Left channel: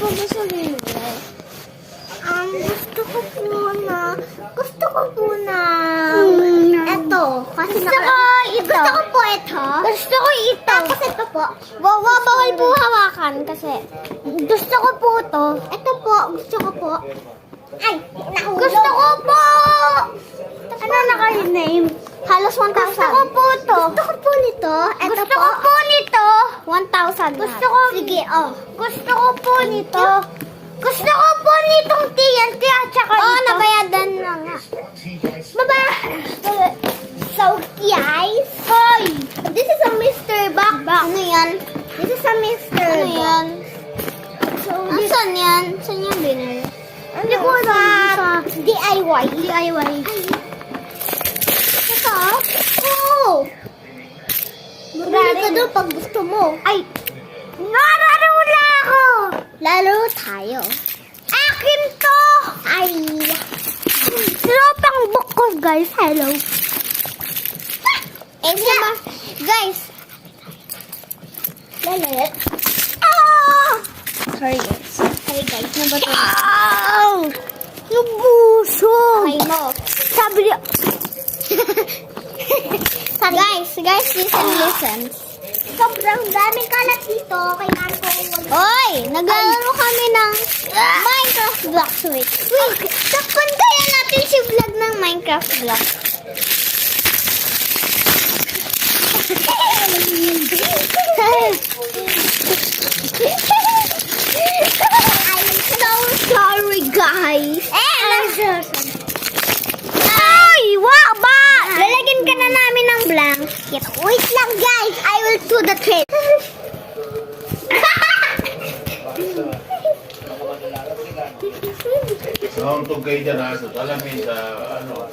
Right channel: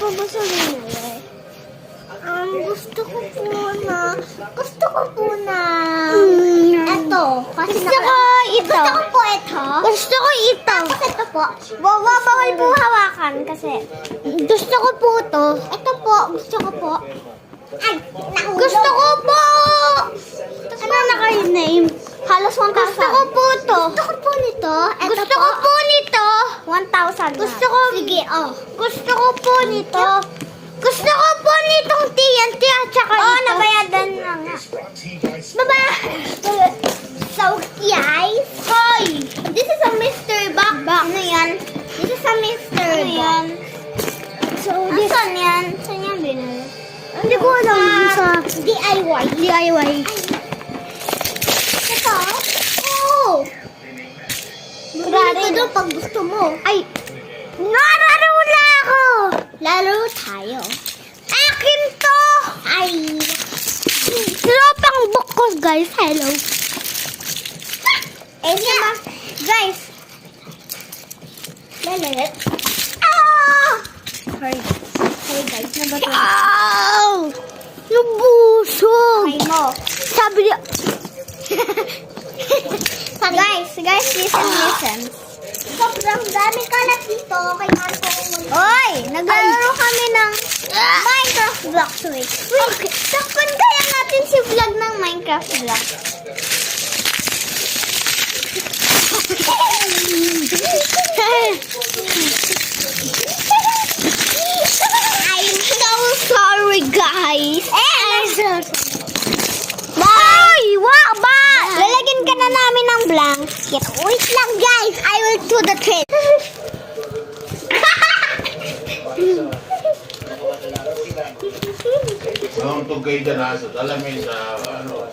po gusto niyo? Gusto ko po na ito. Kasi gusto ko ito. Gusto ko po ito. Gusto ko ito. Tapos ito po. Bawal po hawakan kasi gusto ko po ito. Ito po. Gusto ko po. Ay, nahulog. Gusto ko po. Ano naka-name? Halos 1,000. Gusto ko po ito. Gusto ko po nito. Ito gusto po. Ko po nito. 1,000. Gusto ko. Sige, oh. Gusto ko po nito. Gusto ko po nitong TNT at saka ito. Nabayadan na nga. Baba! So, guys. Hoy! This is a mystery box. Ano yan? This is a mystery box. Yan? So, saan yan? Saan yan binili? Hindi ko alam. Sa DIY. DIY. Ito? Oh! Bumili ka doon pag gusto mo. Ay! Nararula ako! Laro tayo. Akin to! Ay! Tropang book ko, guys. Hello. Guys. Lalat. Ah! Sorry, guys. Sorry, guys. Nabato. Ow! Nabusog! I know. Sabi niya. Guys, listen. Sobrang dami kalat dito. Kailangan ko Hoy! Naglalaro kami ng Minecraft Blocks. Wait. Okay. Takpan kaya natin si vlog ng Minecraft Blocks. I'm so sorry, guys. I'm so sorry. Ay! Wak ba? Lalagyan ka na namin ng blanket. Wait lang, guys. I will do the trick. Noong tugay dyan aso, alamin sa ano,